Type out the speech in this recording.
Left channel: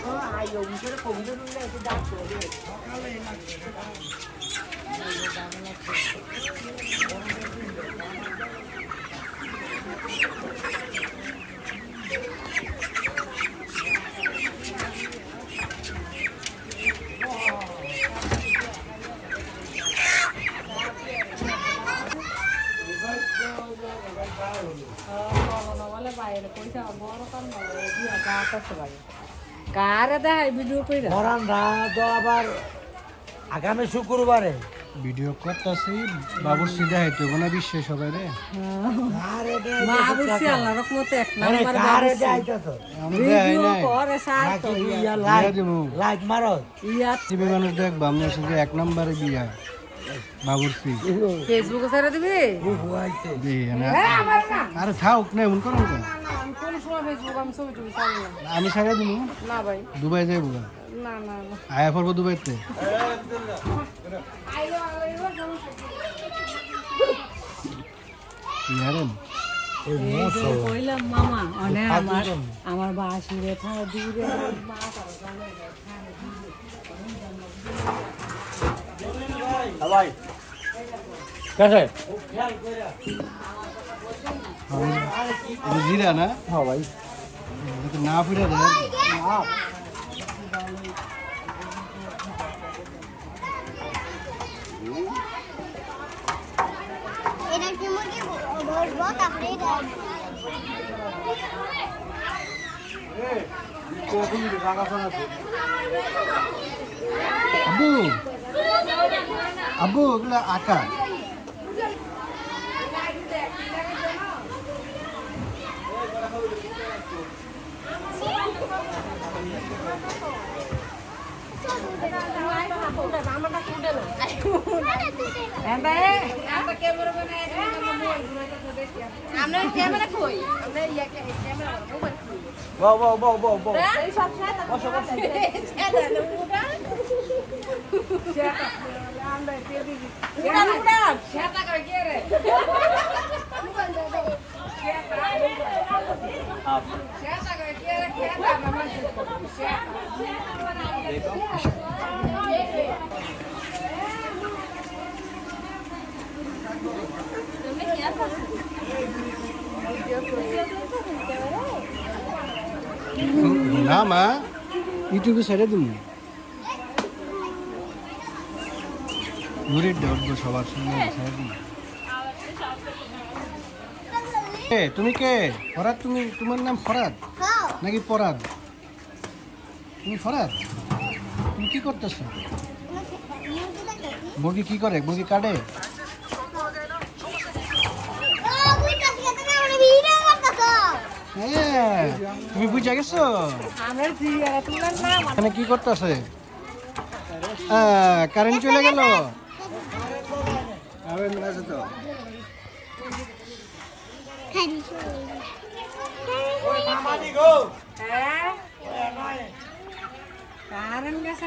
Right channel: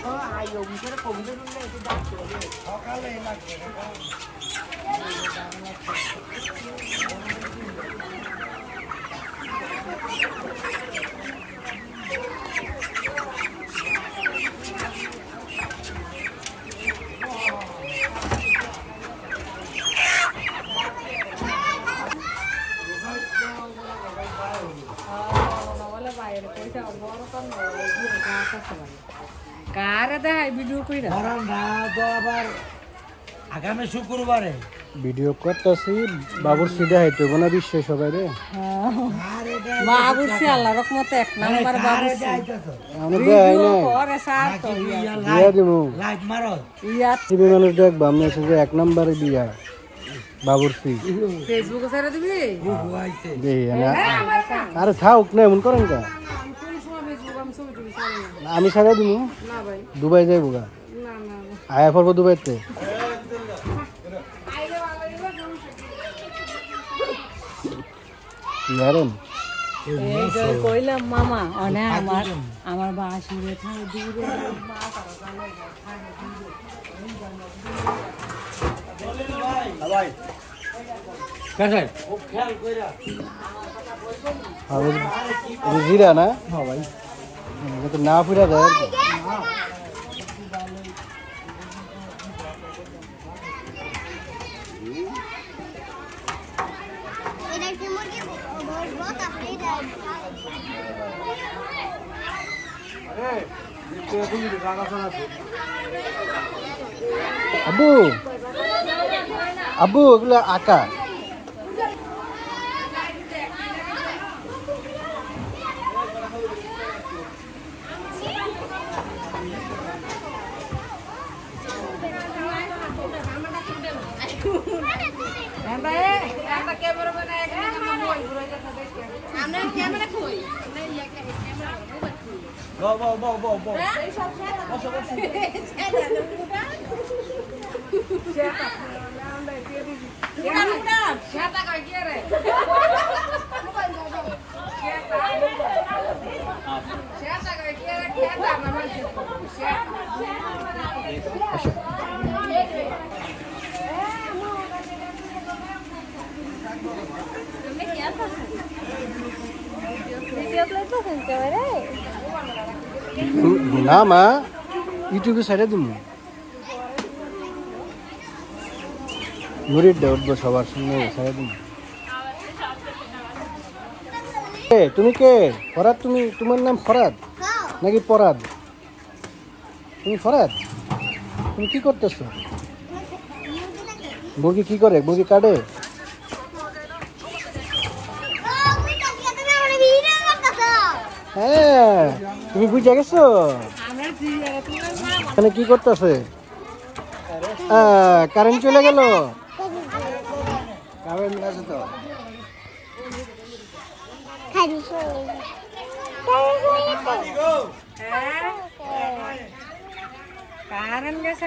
có ai dùng cái cùng cái đá sữa đi. আগামী শুক্রবারে video করতেছি বাবুর্চি দেখাইতো না বিশ্বাস সবাই রে বাবুর্চি আল্লাহ রহমতে এক নাম্বার বাবুর্চি ভিডিও করে সার তো লাইক মারো ইয়া টিভি মানুষ দেখ বামনাসে যে এক নম্বরে দিয়া বাবুর্চি ফেসবুকে ছেড়ে দিবি আরে খাও না এমন করেন কা কোন সময় ফেসবুক আমি ছবি টবি ছাড়ি না আমি ছাড়া দিমু না ভাই দুবাই যাইবো না না না আয়া পড়বো দুবাই তো ইয়ারেন কইলাম মামা অনে আমার বাসি রে থাকা দূরে ভাই কাছে জিরা না হ্যাঁ ভাই না ফিরা যায় আব্বু আব্বু এগুলো আঁকা না মা ইউটিউবে সাইডে দিন মুড়ির দেব সবার সঙ্গে সাইডে দিন তুমি কে ফরাদ তুমি তোমার নাম ফরাদ নাকি পরাদ তুমি ফরাদ তুমি কি করতেছো মুরগি কি করে মুরগি কাটে হ্যাঁ তুমি বুঝে গেছো এখানে কি করতেছে কারেন্ট চলে গেল কারেন্ট আছে তো কারেন্ট গেছে